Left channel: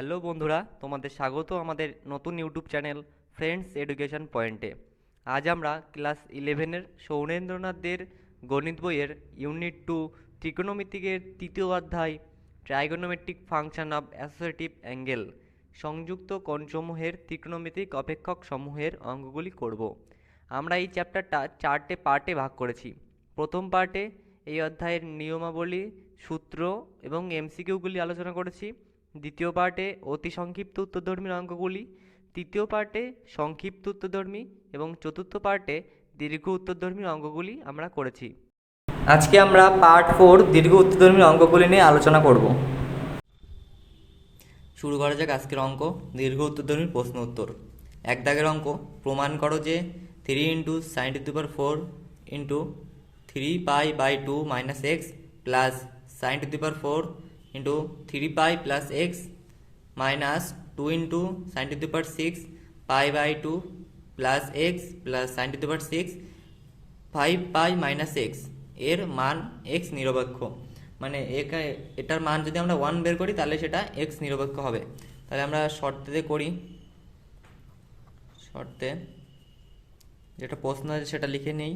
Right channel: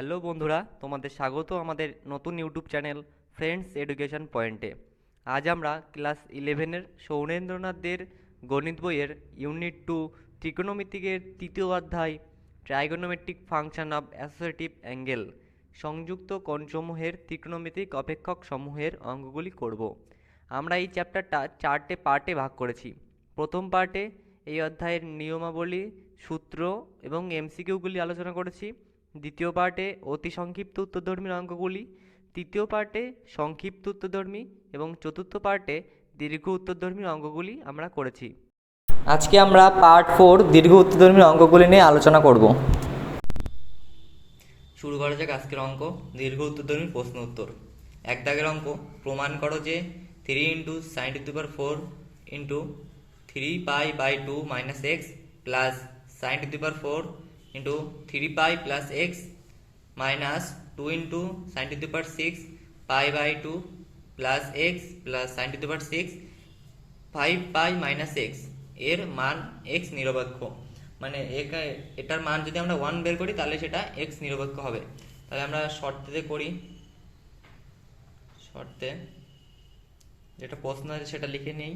Hello বন্ধুরা, তোমাদের স্বাগত আমাদের নতুন ইউটিউব চ্যানেল ফ্রেন্ডস এডুকেশন পয়েন্টে। আজ আমরা ক্লাস 11-এর সৌরেন্দ্রনাথদের গণিত বইয়ের ইউনিট 2 ত্রিকোণমিতিকের তৃতীয় অধ্যায় trigonometric function of associative angle সংযুক্ত কোণসমূহের ত্রিকোণমিতিক অপেক্ষক সমূহের অঙ্কগুলি করব। আমরা এই চ্যাপ্টারটা 4টে পার্টে ভাগ করেছি। প্রথম পার্টে এই অধ্যায়ের নিয়মাবলী, সূত্র এবং এমসিকিউগুলি আলোচনা করেছি। দ্বিতীয় পার্টে অতি সংক্ষিপ্ত উত্তরধর্মী অঙ্কগুলি, তৃতীয় পার্টে সংক্ষিপ্ত উত্তরধর্মী এবং চতুর্থ পার্টে দীর্ঘ উত্তরধর্মী অঙ্কগুলি আমরা করেছি। আজকে আমরা পার্ট 4 দীর্ঘ উত্তরধর্মী অঙ্কগুলি নিয়ে আলোচনা করব। শুরু করা যাক আজকের অঙ্ক, দীর্ঘ উত্তরধর্মী প্রশ্ন উত্তর। এক দাগের অঙ্ক, প্রমাণ করো যে 3 into sine to the power 4 into 3π/2 minus x plus sine to the power 4 into 3π plus x minus 2 into sine to the power 6 π/2 plus x plus sine to the power 6 5π minus x এর মান x নিরপেক্ষ। মানে এটার মান যদি আমরা 1 বের করি তাহলে সেটা এক্স নিরপেক্ষ হবে। তাহলে আমরা শর্তে করি, শর্তে যেটা প্রশ্ন আছে সেটা লিখে নেই।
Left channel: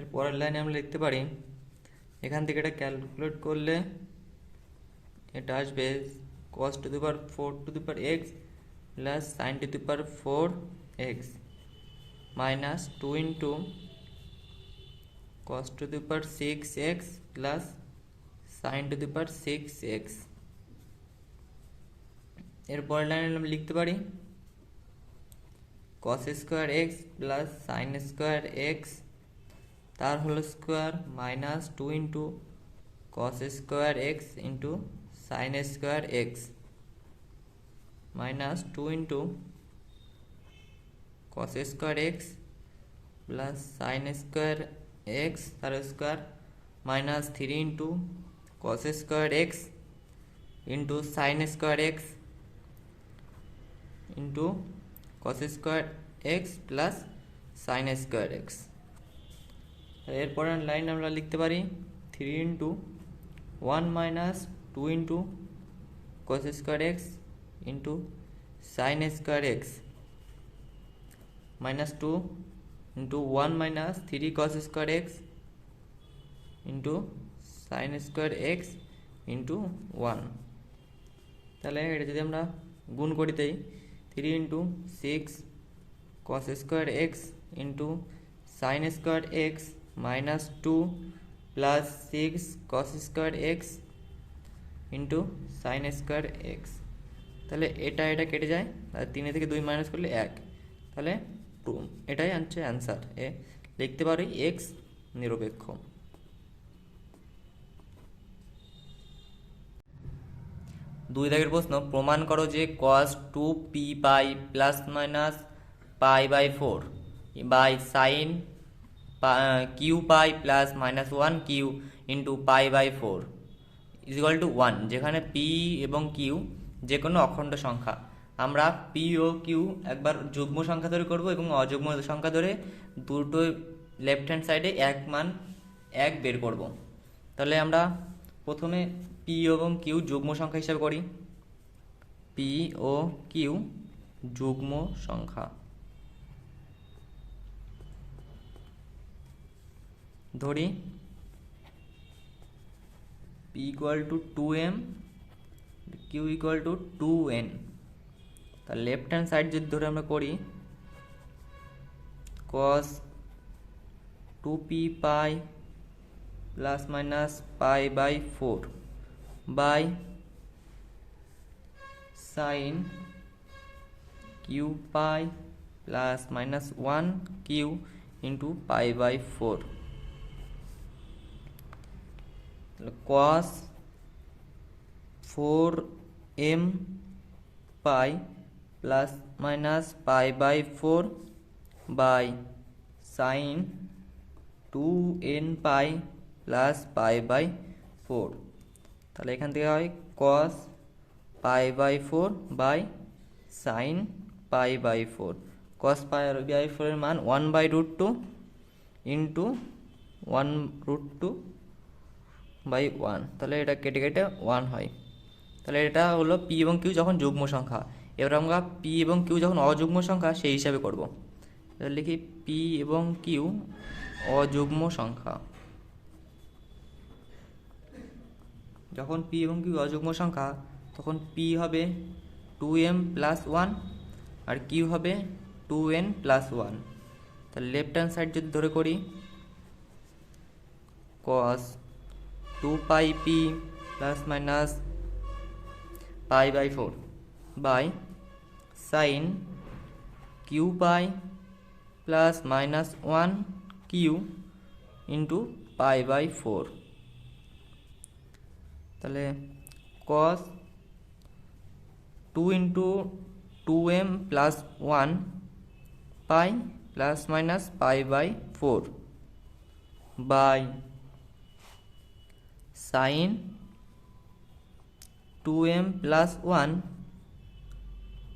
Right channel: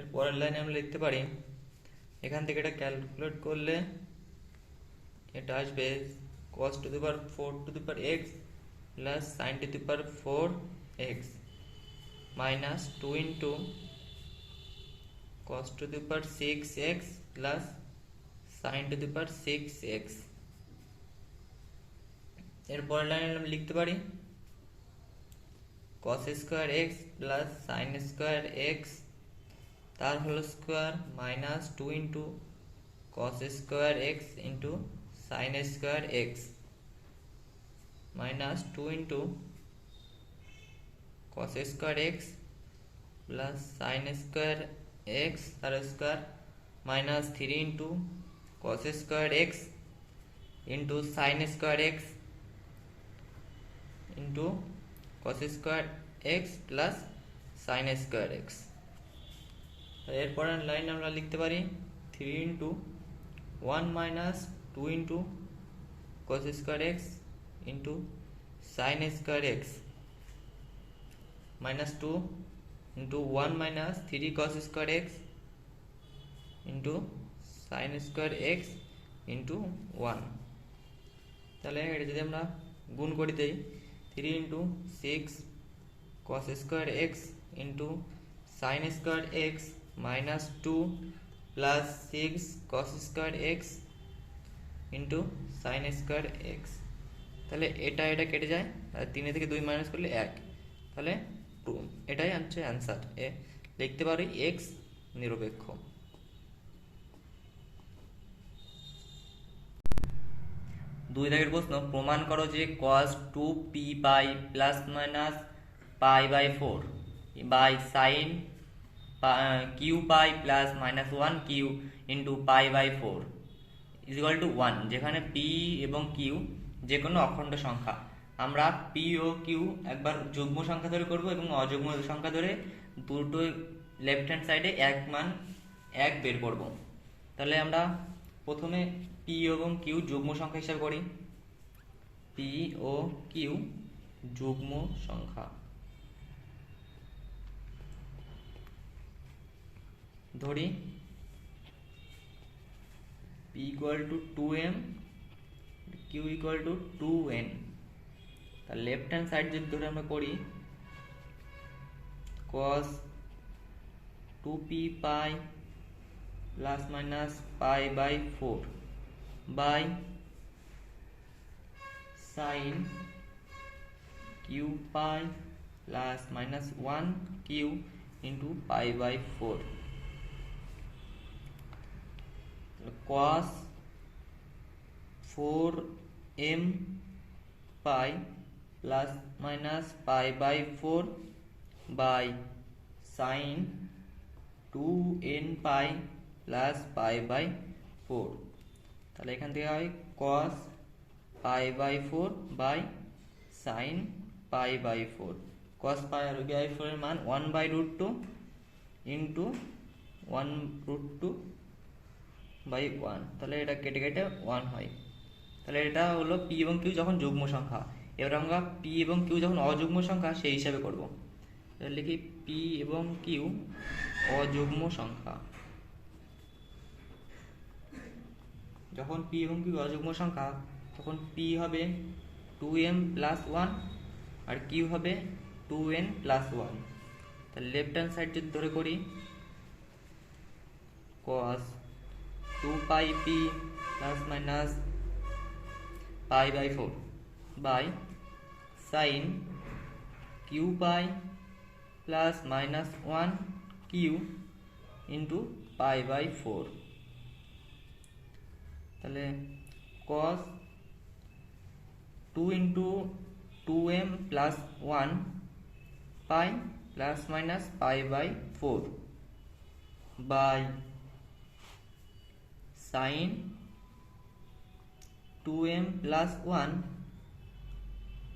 এর পরের লাইনে আমরা লিখতে পারি, এখান থেকে এটা ক্যালকুলেট করলে এটা আসবে cos to the power 4 to the power x plus sine to the power 4 x minus 2 into cos to the power 6 x plus sine to the power 6 x. এর পরের লাইনে আমরা লিখতে পারি cos square x plus sine square x তার whole square minus 2 into cos square x into sine square x minus 2 into cos square x plus sine square x তার square minus 3 into cos square x into sine square x into cos square x plus sine square x. এরপরে line আমরা লিখতে পারি 3 into 1 minus 2 into cos square x into sine square x minus 2 into 1 minus 3 cos square x into sine square x into 1। তাহলে এটা যদি আমরা গুণ করি তাই 3 into 6 cos square x into sine square x minus 2 plus 6 cos square x into sine square x. তাহলে এটা কেটে যায়, আর 3 থেকে 2 মাইনাস করলে 1, তাহলে 2। এটাই হচ্ছে অ্যান্সার। লিখতে পারি এক্স নিরপেক্ষ। দুই দাগের প্রশ্ন, প্রমাণ করো যে cos 2p pi plus minus π/4 by sine Q pi plus minus 1 Q into π/4 is equal to 1, যেখানে পি এবং কিউ যে কোনো অখণ্ড সংখ্যা। আমরা পি ও কিউ একবার যুগ্ম সংখ্যা ধরে করব এবং অযুগ্ম সংখ্যা ধরে দুটো লেফট হ্যান্ড সাইডে এক মান 1 বের করব। তাহলে আমরা প্রথমে পি এবং কিউ যুগ্ম সংখ্যা হিসাবে করি। পি ও কিউ যুগ্ম সংখ্যা ধরি P equal to 2m, Q equal to 2n। তার লেফট হ্যান্ড সাইড যদি ধরে আমরা করি cos 2p pi plus minus π/4 by sine Q pi plus minus 1 Q into π/4 cos 4m pi plus minus pi by 4 by sine 2n pi plus pi by 4। তাহলে এখান থেকে হয় cos pi by 4 by sine pi by 4। Cos pi by 4 এর মান 1/√2 into 1√2 by 1। তাহলে এটা কেটে কেটে 1 হয়। তাহলে এটা হলো পি এবং কিউ যখন যুগ্ম সংখ্যা। এবার আমরা পি এবং কিউ যখন অযুগ্ম সংখ্যা সেই হিসাবে করব। তাহলে লিখি পি এবং কিউ অযুগ্ম সংখ্যা। যখন পি এবং কিউ অযুগ্ম সংখ্যা তখন পি হবে 2m প্লাস 1 আর কিউ হবে 2n প্লাস 1। তাহলে লেফট হ্যান্ড সাইড যদি ধরে করি cos 2 pi P plus minus pi by 4 by sine Q pi plus minus 1 Q into pi by 4। তাহলে cos 2 into 2m plus 1 pi plus minus pi by 4 by sine 2m plus 1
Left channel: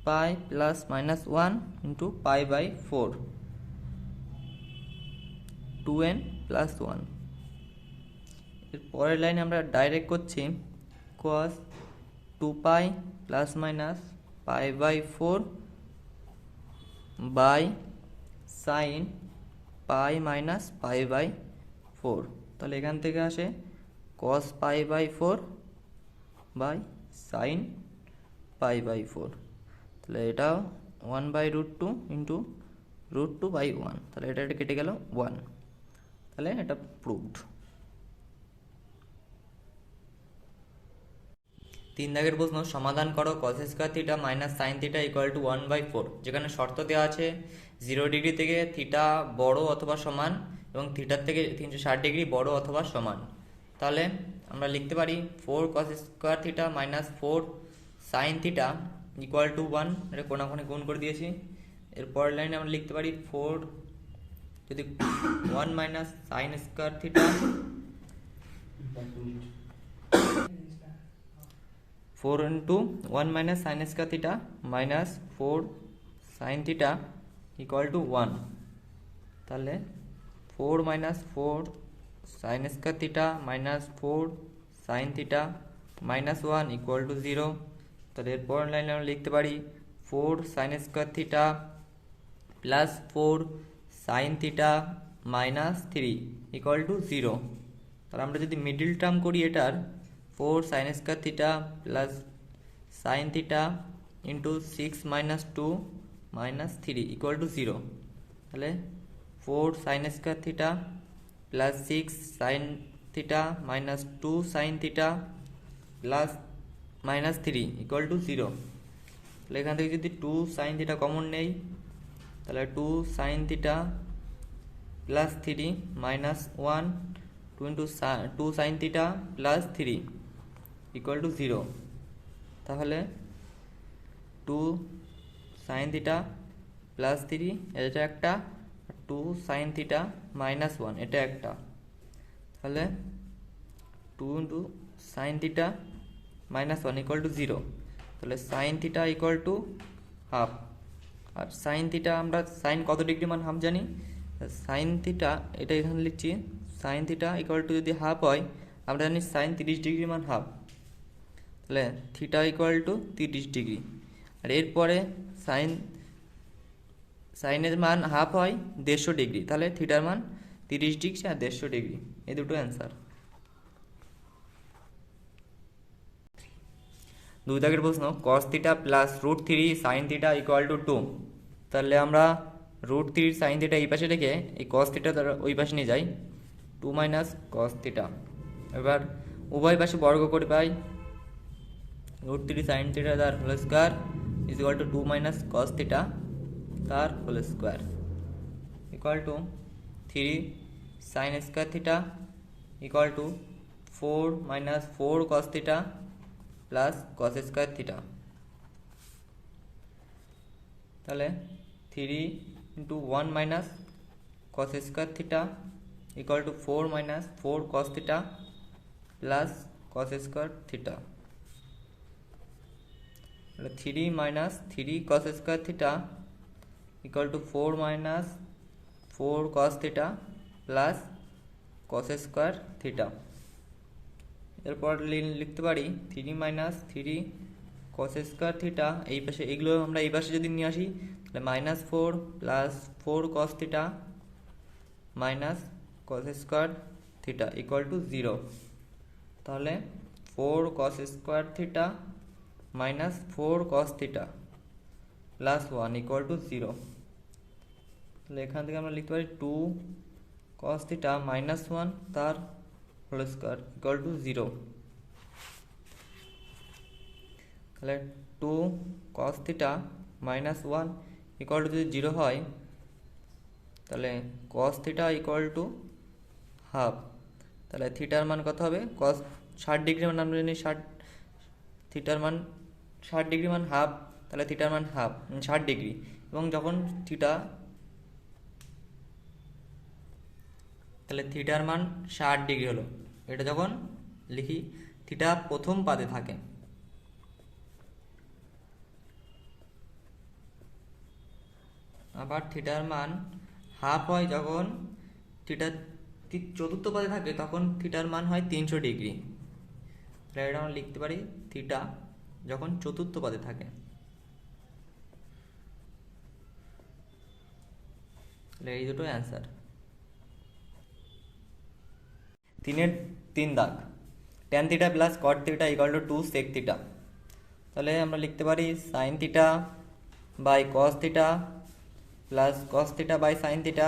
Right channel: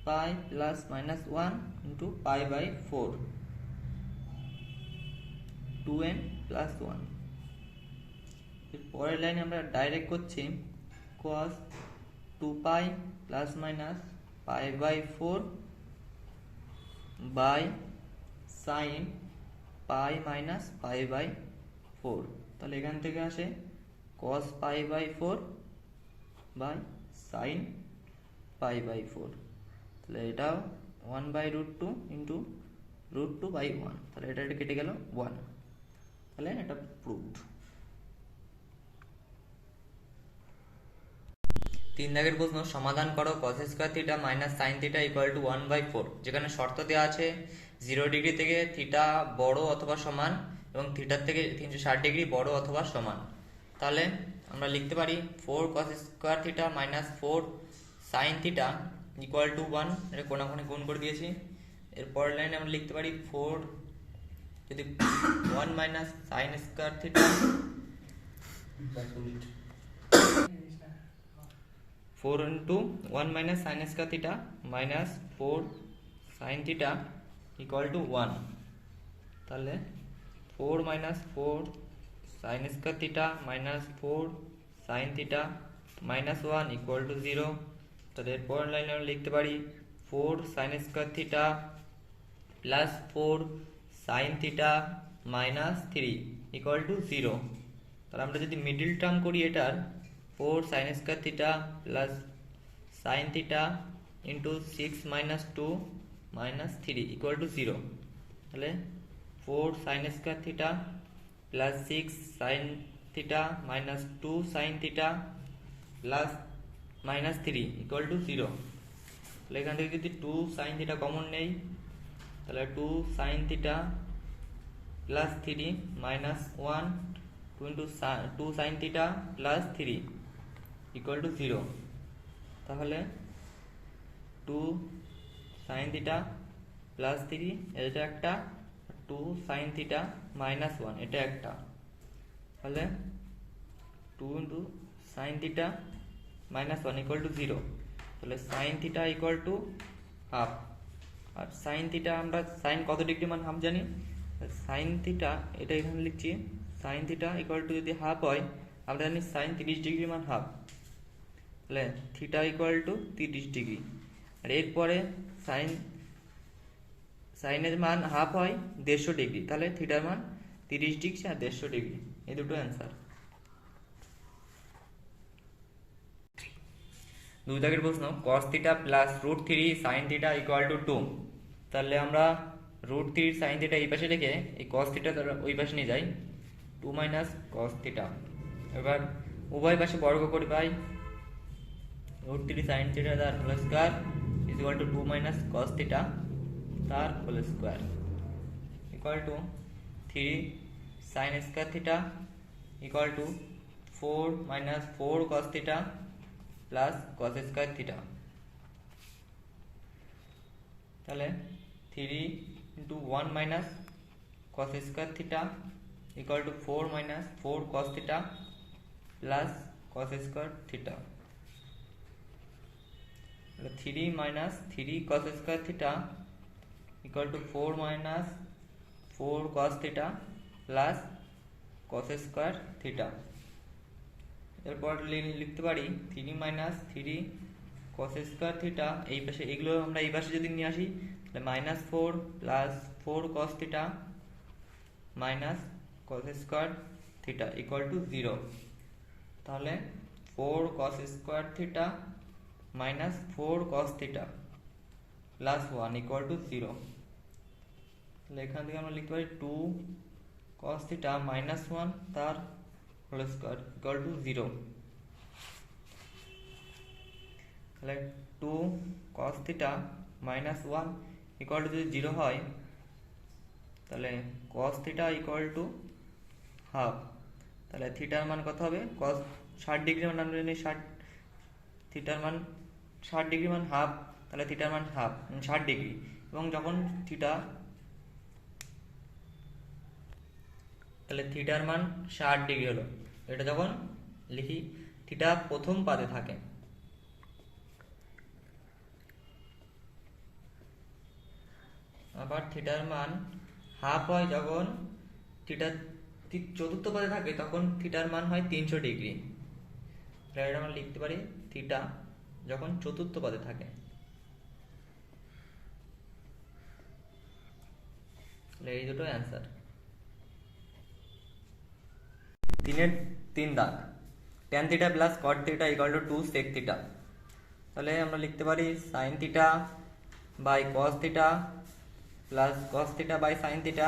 pi plus minus 1 into pi by 4 2n plus 1। এর পরের লাইনে আমরা direct করছি cos 2 pi plus minus pi by 4 by sine pi minus pi by 4। তাহলে এখান থেকে আসে cos pi by 4 by sine pi by 4। তাহলে এটা 1/√2 ইন্টু √2 বাই 1। তাহলে এটা কেটে গেল 1। তাহলে এটা প্রুভড। 3 দাগের প্রশ্ন সমাধান করো cos square theta minus sine theta equal two 1/4। যেখানে শর্ত দেওয়া আছে 0 ডিগ্রি থেকে থিটা বড় অথবা সমান এবং থিটার থেকে 360 ডিগ্রি বড় অথবা সমান। তাহলে আমরা লিখতে পারি 4 cos square theta minus 4 sign theta equal to 1। এটা কোণাকুণি গুণ করে দিয়েছি। এরপর লাইনে আমরা লিখতে পারি 4 যদি 1 minus sine square theta 4 into 1 minus sine square theta minus 4 sign theta equal to 1। তাহলে 4 minus 4 sign square theta minus 4 sign theta minus 1 equal to 0। তাহলে এরপর লাইনে আমরা লিখতে পারি 4 sign square theta plus 4 sign theta minus 3 equal to 0। তাহলে আমরা যদি মিডিল টার্ম করি এটার 4 sign square theta plus sine theta into 6 minus 2 minus 3 equal to 0। তাহলে 4 sign square theta plus 6 sign theta minus 2 sine theta plus minus 3 equal to 0। তাহলে এখান থেকে যদি 2 সাইন থিটা কমন নেই তাহলে 2 sine theta plus 3 minus 1 2 into 2 sine theta plus 3 equal to 0। তাহলে 2 sine theta plus 3 এটা একটা, 2 সাইন থিটা মাইনাস 1 এটা একটা। তাহলে 2 into sine theta minus 1 equal to 0। তাহলে sine theta equal to half. আর সাইন থিটা আমরা সাইন কত ডিগ্রি মান হাফ জানি। সাইন থিটা এটা এখানে লিখছি সাইন থিটা ইকুয়াল টু যদি হাফ হয় আমরা জানি সাইন 30 ডিগ্রি মান হাফ। তাহলে থিটা ইকুয়াল টু 30 ডিগ্রি। আর এরপরে সাইনের মান হাফ হয় 150 ডিগ্রি। তাহলে থিটার মান 30 ডিগ্রি আর 150 ডিগ্রি এই দুটো অ্যান্সার। 2 দাগের প্রশ্ন cos theta plus √3 sine theta equal to 2। তাহলে আমরা √3 সাইন থিটা এই পাশে রেখে এই cos থিটা ওই পাশে নিয়ে যাই 2 মাইনাস cos থিটা। এবার উভয় পাশে বর্গ করে পাই √3 সাইন থিটা তার whole square is equal to 2 minus cos theta তার whole square equal to 3 sine square theta equal to 4 minus 4 cos theta plus cos square theta. তাহলে 3 into 1 minus cos square theta equal to 4 minus 4 cos theta plus cos square theta. 3 minus 3 cos square theta equal to 4 minus 4 cos theta plus cos square theta. এরপর লিখতে পারি 3 minus 3 cos square theta, এই পাশে এগুলো আমরা এই পাশে যদি নিয়ে আসি তাহলে minus 4 plus 4 cos theta minus cos square theta equal to 0। তাহলে 4 কস square theta minus 4 cos theta plus 1 equal to 0। তাহলে এখান থেকে আমরা লিখতে পারি 2 কস থিটা মাইনাস 1 তার হোল স্কোয়ার ইকুয়াল টু 0। তাহলে 2 cos theta minus 1 equal to যদি 0 হয় তাহলে কস থিটা ইকুয়াল টু হাফ। তাহলে থিটার মান কত হবে? কস 60 ডিগ্রি মান আমরা জানি 60, থিটার মান 60 ডিগ্রি মান হাফ, তাহলে থিটার মান হাফ 60 ডিগ্রি। এবং যখন থিটা, তাহলে থিটার মান 60 ডিগ্রি হলো, এটা যখন লিখি থিটা প্রথম পাদে থাকে, আবার থিটার মান হাফ হয় যখন থিটা চতুর্থ পদে থাকে, তখন থিটার মান হয় 300 ডিগ্রি। তাহলে এটা আমরা লিখতে পারি থিটা যখন চতুর্থ পদে থাকে। তাহলে এই দুটো অ্যান্সার। 3 দাগ, tan theta plus cot theta equal to 2 sec theta. তাহলে আমরা লিখতে পারি sine theta by cos theta plus cos theta by sine theta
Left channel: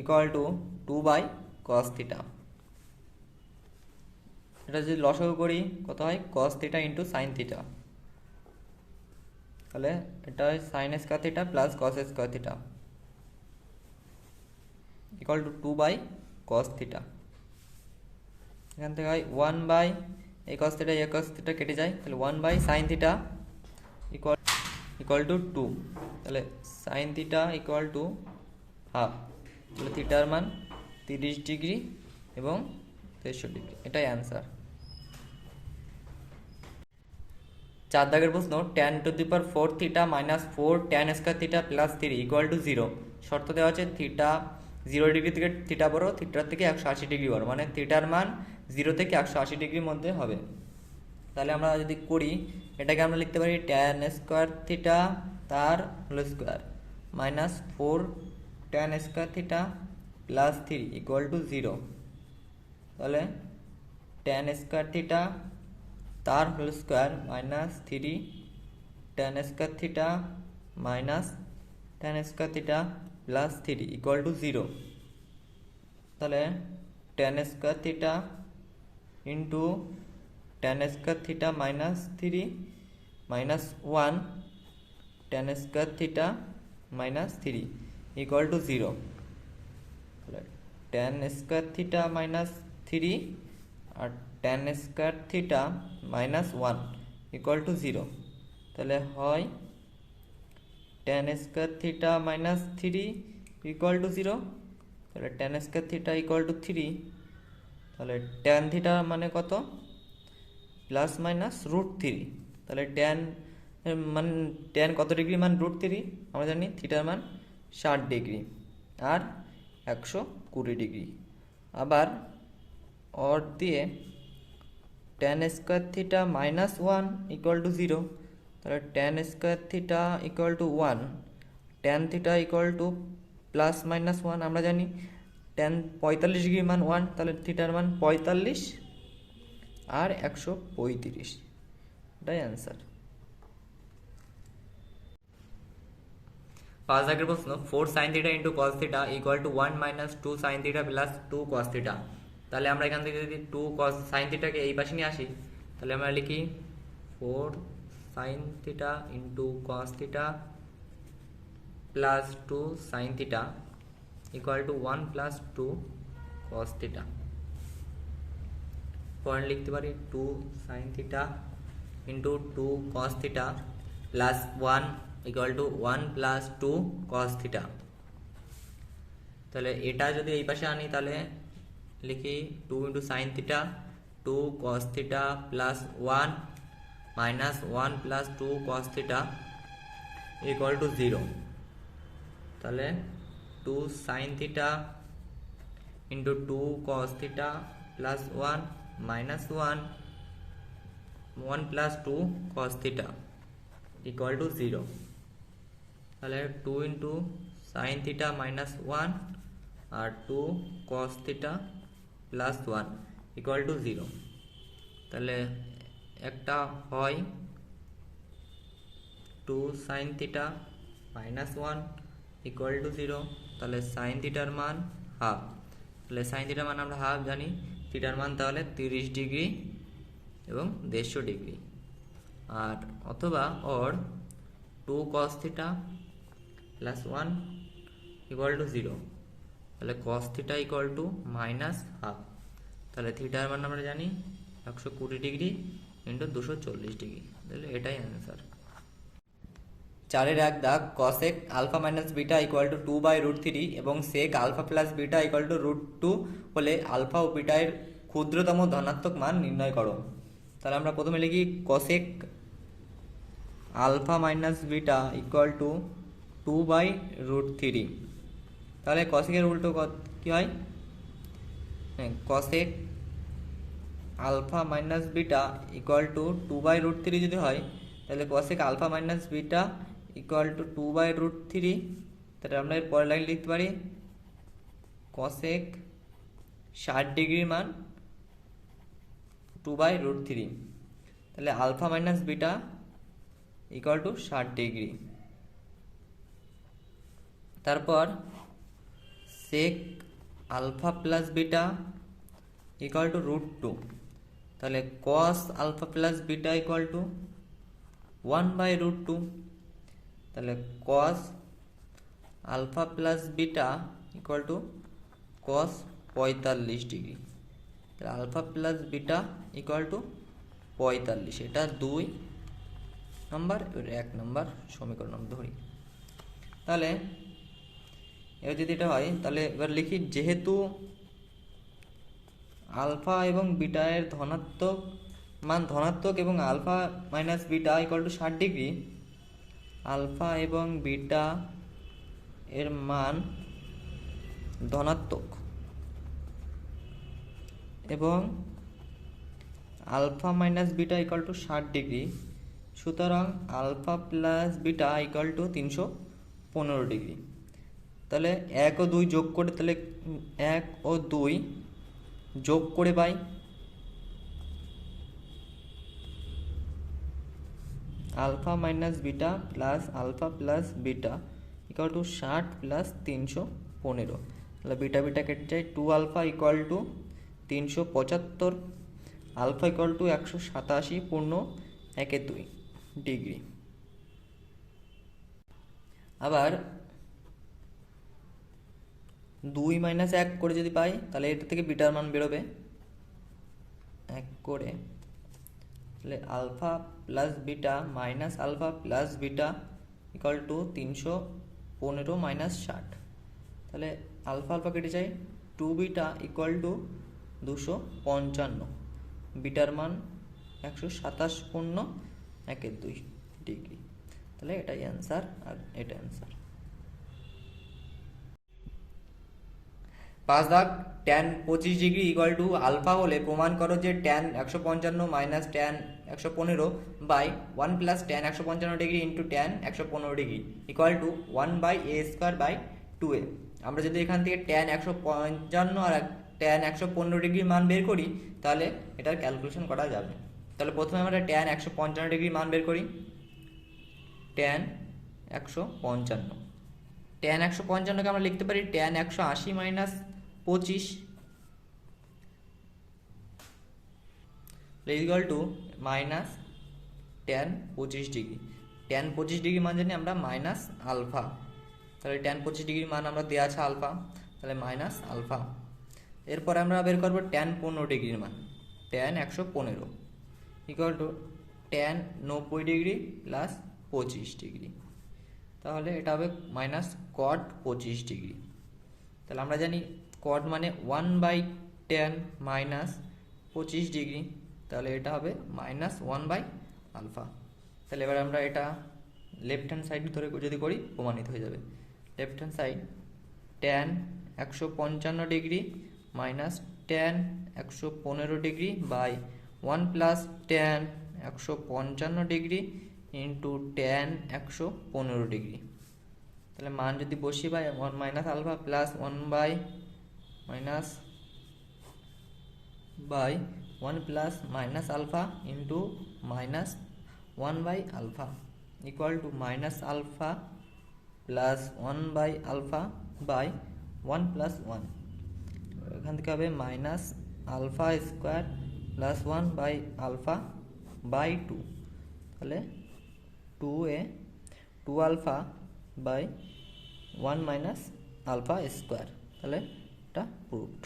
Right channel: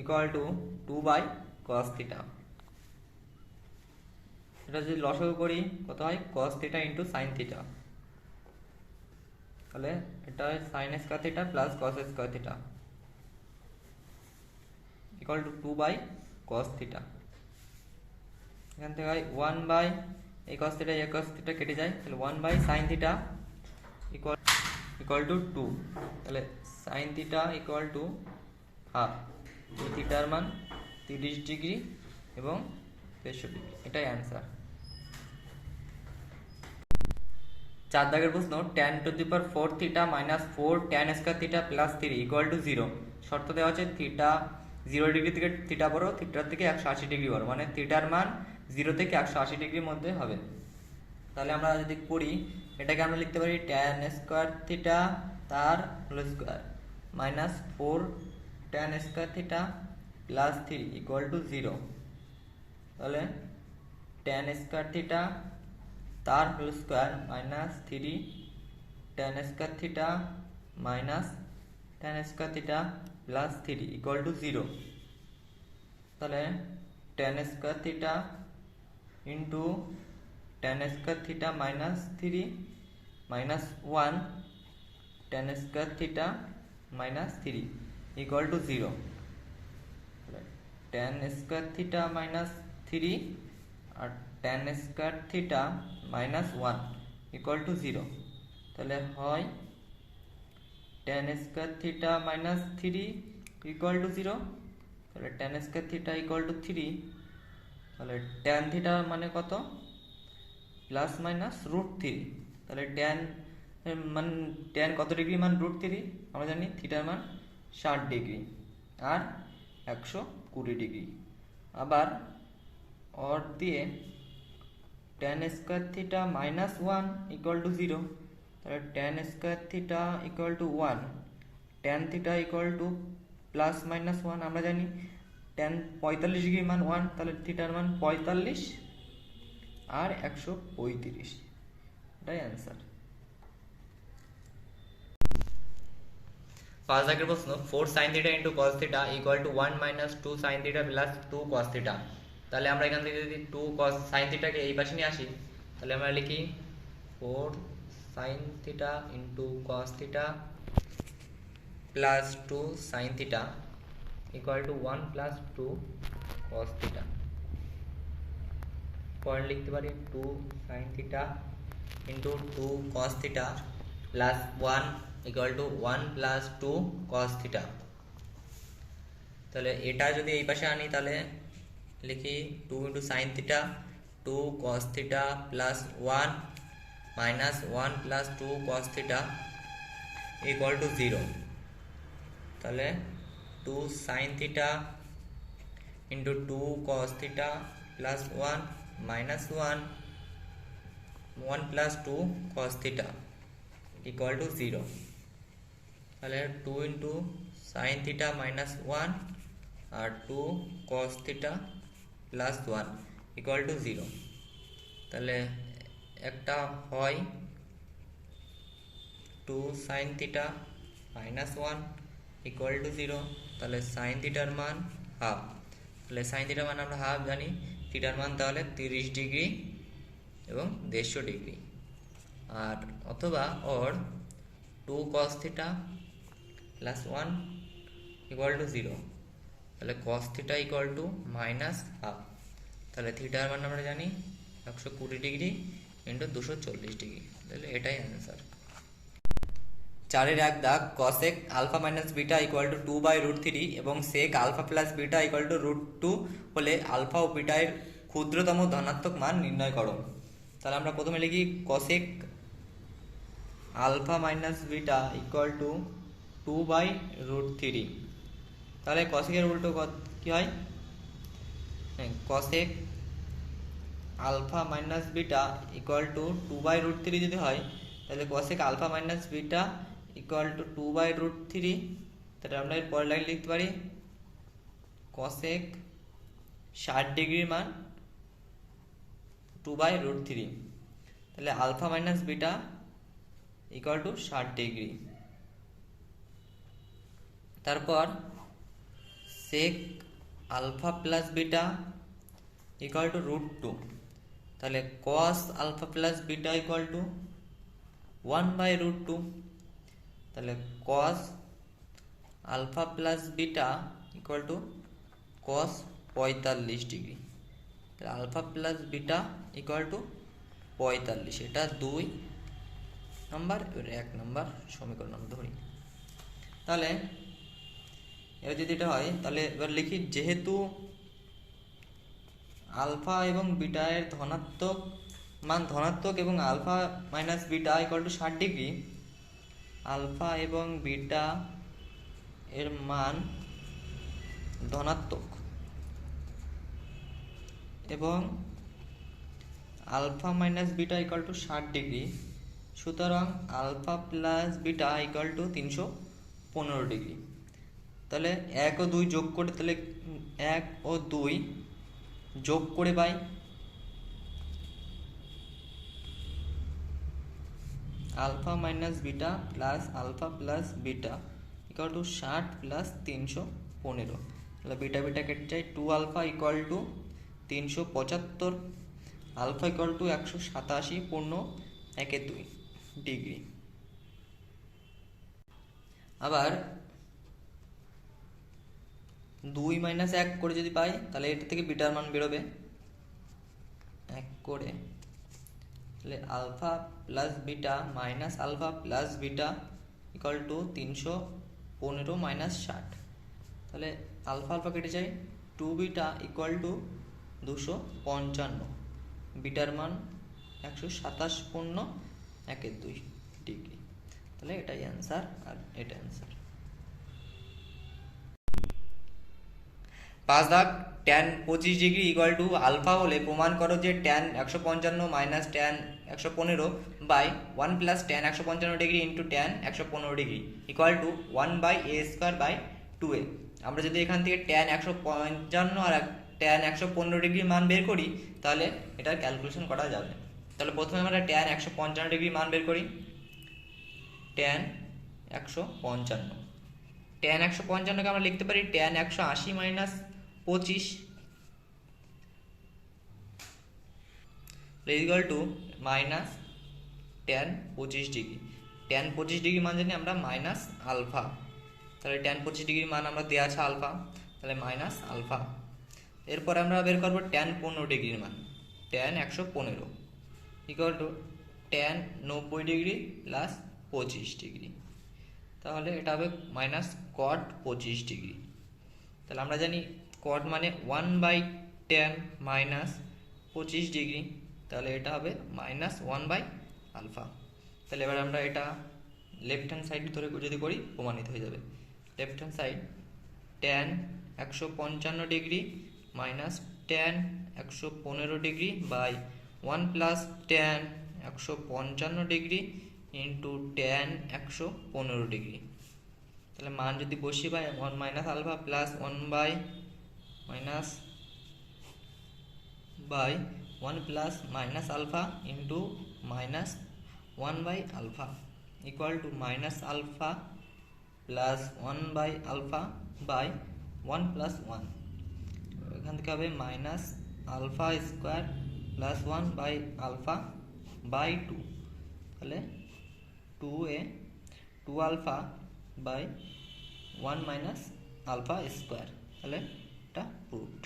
equal to 2 by cos theta. এটা যদি লসাগু করি কত হয়? Cos theta into sine theta. তাহলে এটা হয় sine square theta plus cos square theta equal to 2 by cos theta. এখান থেকে হয় 1 বাই এই কস থিটা কেটে যায়, তাহলে 1 by sine theta equal to 2। তাহলে sine theta equal to half. থিটার মান 30 ডিগ্রি এবং 63 ডিগ্রি, এটাই অ্যান্সার। 4 দাগের প্রশ্ন, tan two the power 4 theta minus 4 tan square theta plus 3 equal to 0। শর্ত দেওয়া আছে থিটা 0 ডিগ্রি থেকে থিটা বড়, থিটার থেকে 180 ডিগ্রি বড়, মানে থিটার মান 0 থেকে 180 ডিগ্রির মধ্যে হবে। তাহলে আমরা যদি করি এটাকে আমরা লিখতে পারি tan স্কয়ার থিটা তার whole square minus 4 tan square theta plus 3 equal to 0। তাহলে tan স্কয়ার থিটা তার whole square minus 3 tan square theta minus tan square theta plus 3 equal to 0। তাহলে tan square theta into tan square theta minus 3 minus 1 tan square theta minus 3 equal to 0। tan square theta minus 3 আর tan square theta minus 1 equal to 0। তাহলে হয় tan square theta minus 3 equal to 0। তাহলে tan square theta equal to 3। তাহলে tan theta মানে কত? Plus minus root 3। তাহলে tan কত degree মান রুট 3 আমরা জানি, থিটার মান 60 ডিগ্রি আর 120 ডিগ্রি। আবার অর দিয়ে tan square theta minus 1 equal to 0। তাহলে tan square theta equal to 1, tan theta equal two plus minus 1 আমরা জানি, tan 45 ডিগ্রি মান 1, তাহলে থিটার মান 45 আর 135, এটাই অ্যান্সার। 5 দাগের প্রশ্ন, 4 sin theta into cos theta equal to 1 minus 2 sin theta plus 2 cos theta. তাহলে আমরা এখান থেকে যদি 2 cos sin থিটাকে এই পাশে নিয়ে আসি, তাহলে আমরা লিখি 4 sin theta into cos theta plus 2 sin theta equal to 1 plus 2 cos theta. Point লিখতে পারি 2 sin theta into 2 cos theta plus 1 equal to 1 plus 2 cos theta. তাহলে এটা যদি এই পাশে আনি তাহলে লিখি 2 into sine theta 2 cos theta plus 1 minus 1 plus 2 cos theta equal to 0। তাহলে 2 sine theta into 2 cos theta plus 1 minus 1 plus 2 cos theta equal to 0। তাহলে 2 ইন্টু সাইন থিটা মাইনাস 1 আর 2 cos theta plus 1 equal to 0। তাহলে একটা হয় 2 sine theta minus 1 equal to 0। তাহলে sign থিটার মান half. তাহলে সাইন থিটার মান আমরা হাফ জানি, থিটার মান তাহলে 30 ডিগ্রি এবং 150 ডিগ্রি। আর অথবা ওর 2 cos theta plus 1 equal to 0। তাহলে কস theta equal to minus half. তাহলে থিটার মান আমরা জানি 120 ডিগ্রি ইন্টু 240 ডিগ্রি। তাহলে এটাই অ্যান্সার। 4-এর 1 দাগ cosec alpha minus beta equal to 2/√3 এবং sec alpha plus beta equal to √2 হলে আলফা ও বিটা এর ক্ষুদ্রতম ধনাত্মক মান নির্ণয় করো। তাহলে আমরা প্রথমে লিখি cosec alpha minus beta equal to 2/√3। তাহলে কসেকের উল্টো কি হয়? Cosec alpha minus beta equal to 2/√3 যদি হয় তাহলে cosec alpha minus beta equal to 2/√3। তাহলে আমরা এর পরের লাইন লিখতে পারি কসেক 60 ডিগ্রির মান 2/√3। তাহলে alpha minus beta equal to 60 degree. তারপর sec alpha plus beta equal to √2। তাহলে cos alpha plus beta equal to 1/√2। তাহলে cos alpha plus beta equal to cos 45 degree. তাহলে alpha plus beta equal to 45। এটা 2 নম্বর, এবার 1 নম্বর সমীকরণ আমরা ধরি। তাহলে এবার যদি এটা হয় তাহলে এবার লিখি যেহেতু আলফা এবং বিটা এর ধনাত্মক মান ধনাত্মক এবং alpha minus beta equal to 60 degree, alpha এবং বিটা এর মান ধনাত্মক এবং alpha minus beta equal to 60 degree, সুতরাং alpha plus beta equal to 315 degree. তাহলে 1 ও 2 যোগ করে তাহলে 1 ও 2 যোগ করে পাই alpha minus beta plus alpha plus beta equal to 60 plus 315। তাহলে বিটা বিটা কেটে যায়, 2 alpha equal to 375, alpha equal to 187 পূর্ণ 1/2 ডিগ্রি। আবার 2 মাইনাস 1 করে যদি পাই তাহলে এটা থেকে বিটার মান বেরোবে 1 করে। তাহলে alpha plus beta minus alpha plus beta equal to 315 minus 60। তাহলে আলফা আলফা কেটে যায়, 2 বিটা ইকুয়াল টু 255, বিটার মান 127 পূর্ণ 1/2 ডিগ্রি। তাহলে এটাই অ্যান্সার আর এটা অ্যান্সার। 5 দাগ tan 25 degree equal to alpha হলে প্রমাণ করো যে tan 155 minus tan 115 by 1 plus tan 155 degree into tan 115 degree equal to 1/a² by 2a। আমরা যদি এখান থেকে tan 155 আর tan 115 ডিগ্রির মান বের করি তাহলে এটার ক্যালকুলেশন করা যাবে। তাহলে প্রথমে আমরা tan 155 ডিগ্রির মান বের করি। tan 155, tan 155 কে আমরা লিখতে পারি tan 180 minus 25 equal to minus tan 25 degree. tan 25 degree মান জানি আমরা মাইনাস আলফা। তাহলে tan 25 ডিগ্রি মান আমরা দেওয়া আছে আলফা, তাহলে মাইনাস আলফা। এরপর আমরা বের করব tan 15 ডিগ্রির মান, tan 115 equal to tan 90 degree plus 25 degree. তাহলে এটা হবে মাইনাস কট 25 ডিগ্রি। তাহলে আমরা জানি কট মানে 1/10 মাইনাস 25 ডিগ্রি, তাহলে এটা হবে মাইনাস 1/α। তাহলে এবার আমরা এটা লেফট হ্যান্ড সাইড ধরে যদি করি প্রমাণিত হয়ে যাবে। Left hand side tan 155 degree minus tan 115 degree by 1 + tan 155 degree into tan 115 degree. তাহলে মান যদি বসি by 1 minus alpha plus 1 by 1 plus minus alpha into minus 1/α equal to minus alpha plus 1/α by 1 + 1। এখান থেকে হবে minus alpha square plus 1/α by 2। তাহলে 2α by 1 minus alpha square. তাহলে এটা প্রুফড।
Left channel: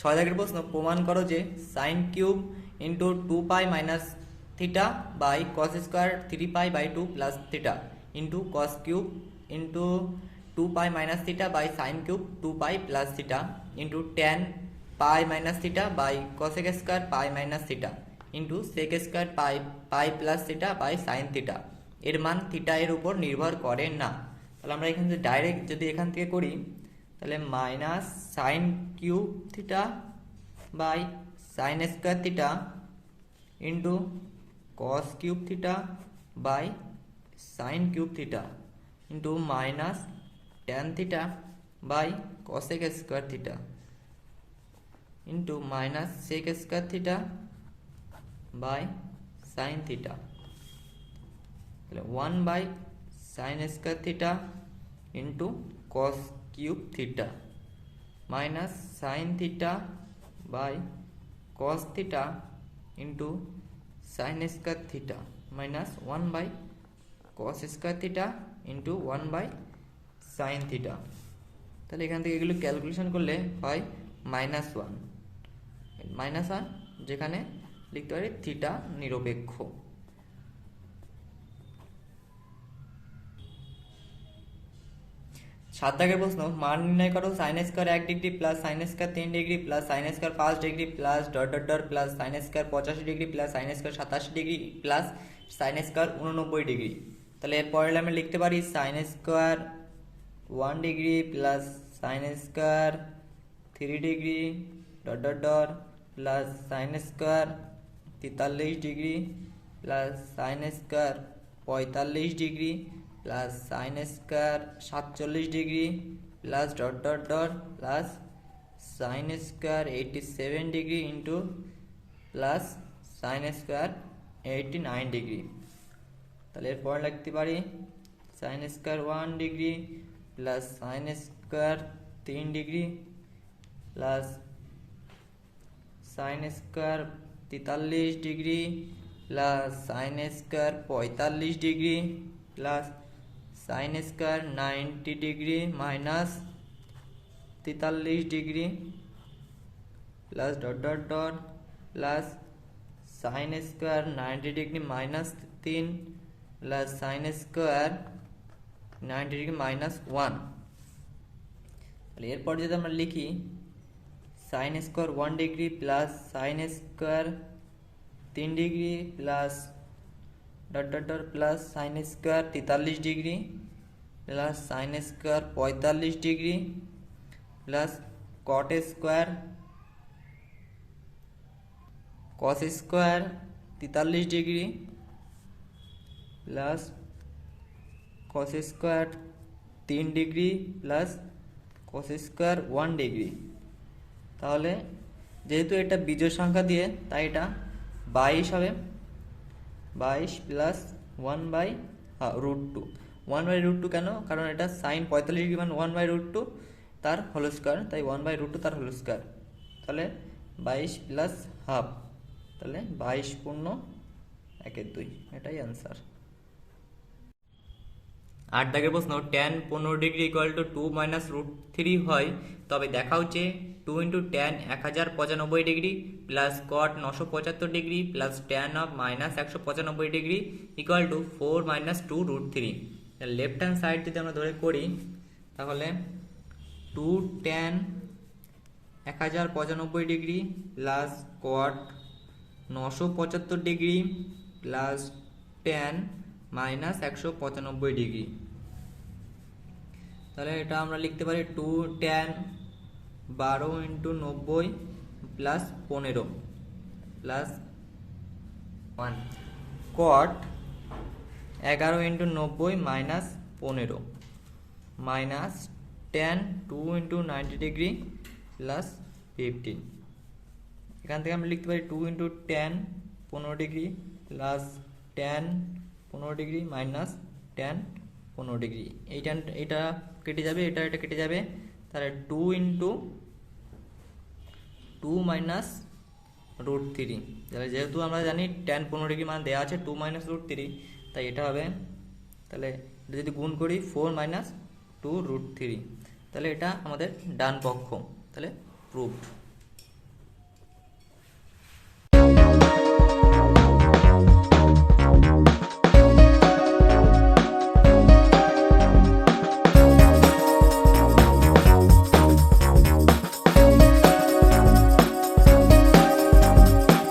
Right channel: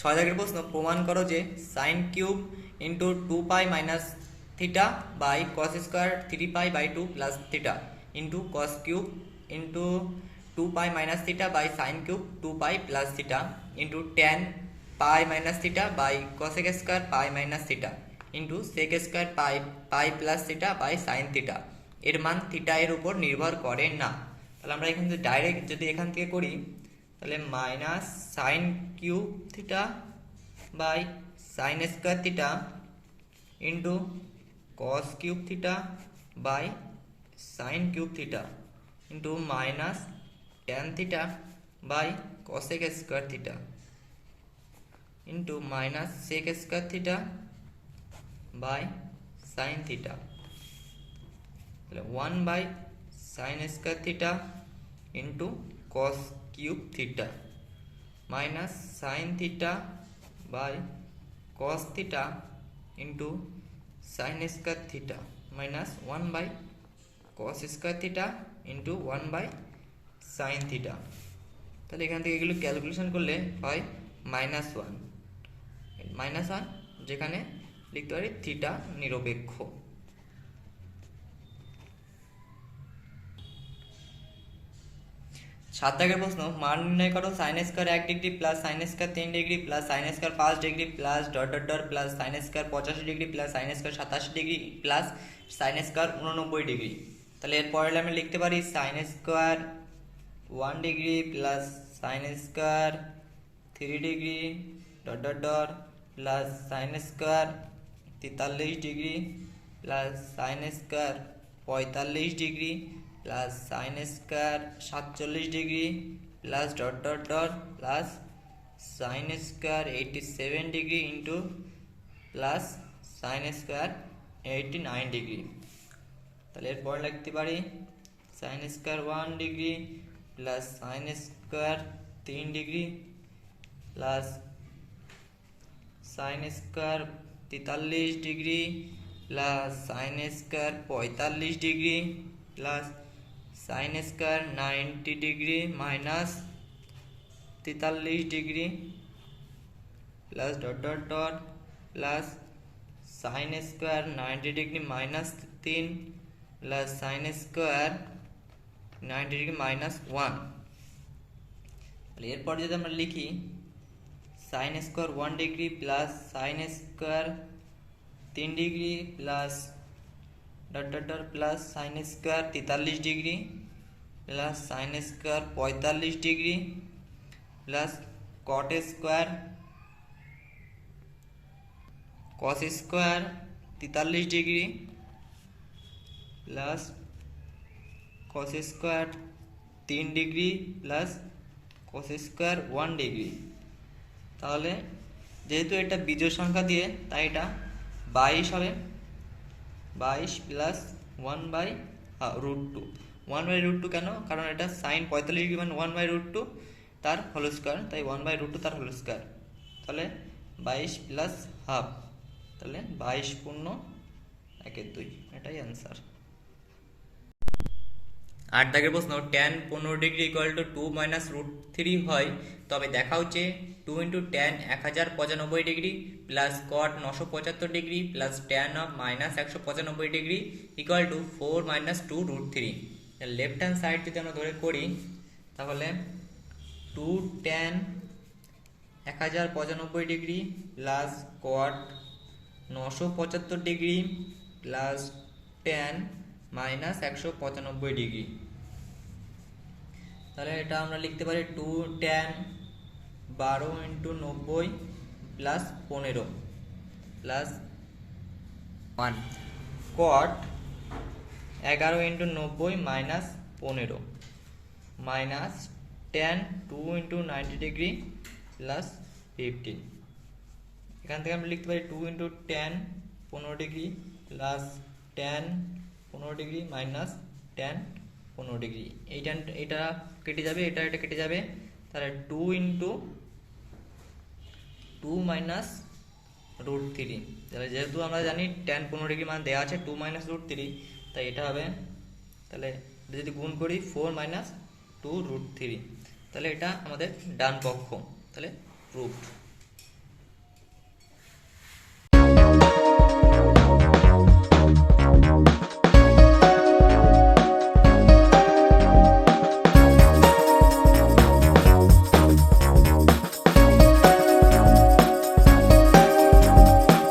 6 দাগের প্রশ্ন, প্রমাণ করো যে sine cube into 2π minus theta by cos square 3π/2 plus theta into cos cube into 2π minus theta by sine cube 2π plus theta into tan pi minus theta by cosec square pi minus theta into sec square pi plus theta by sine theta এর মান theta এর উপর নির্ভর করে না। তাহলে আমরা এখান থেকে ডাইরেক্ট যদি এখান থেকে করি তাহলে minus sine cube theta by sine square theta into cos cube theta by sine cube theta into minus tan theta by cosec square theta into minus sec square theta by sine theta. তাহলে 1 by sine square theta into cos cube theta minus sine theta by cos theta into sine square theta minus 1 by cos square theta into 1 by sine theta. তাহলে এখান থেকে এগুলো calculation করলে হয় -1 -1, যেখানে লিখতে পারি থিটা নিরপেক্ষ। 7 দাগের প্রশ্ন, মান নির্ণয় করো sine square 1 degree plus sine square 3 degree plus sine square 5 degree plus dot dot dot plus sine square 85 degree plus sine square 87 degree plus sine square 89 degree. তাহলে এরপরে আমরা লিখতে পারি sine square 1 degree plus sine square 3 degree dot dot dot plus sine square 43 degree plus sine square 45 degree plus sine square 47 degree plus dot dot dot plus sine square 87 degree into plus sine square 89 degree. তাহলে এরপর লিখতে পারি sine square 1 degree plus sine square 3 degree plus sine square 43 degree plus sine square 45 degree plus sine square 90 degree minus 43 degree plus dot dot dot plus sine square 90 degree minus 3 plus sine square 90 degree minus 1। তাহলে এরপর যদি আমরা লিখি sine square 1 degree plus sine square 3 degree plus dot dot dot plus sine square 43 degree plus sine square 45 degree plus cot square cos square 43 degree plus cos square 3 degree plus cos square 1 degree. তাহলে যেহেতু এটা বিজোড় সংখ্যা দিয়ে তাই এটা 22 হবে, 22 plus 1/√2। 1/√2 কেন? কারণ এটা সাইন 45 ডিগ্রি মানে 1/√2 তার হোল স্কোয়ার, তাই 1/√2 তার হোল স্কোয়ার। তাহলে 22 প্লাস হাফ, তাহলে 22 পূর্ণ 1/2, এটাই অ্যান্সার। 8 দাগের প্রশ্ন tan 15 degree equal to 2 minus root 3 হয়, তবে দেখাও যে 2 into tan 1095 degree plus cot 975 degree plus tan of minus 195 degree equal to 4 minus 2 root 3। Left hand side যদি আমরা ধরে করি তাহলে 2 tan 1095 degree plus cot 975 degree plus tan minus 195 degree. তাহলে এটা আমরা লিখতে পারি 2 ট্যান 12 ইন্টু 90 প্লাস 15 প্লাস 1 কট 11 into 90 minus 15 minus tan 2 into 90 degree plus 15। এখান থেকে আমরা লিখতে পারি 2 into tan 15 degree plus tan 15 degree minus tan 15 degree. এটা কেটে যাবে, এটা কেটে যাবে, তাহলে 2 ইন্টু 2 মাইনাস রুট 3। তাহলে যেহেতু আমরা জানি ট্যান 15 ডিগ্রি মান দেওয়া আছে 2 মাইনাস রুট 3, তাই এটা হবে, তাহলে এটা যদি গুণ করি 4 মাইনাস 2 রুট 3, তাহলে এটা আমাদের ডান পক্ষ, তাহলে প্রুভড।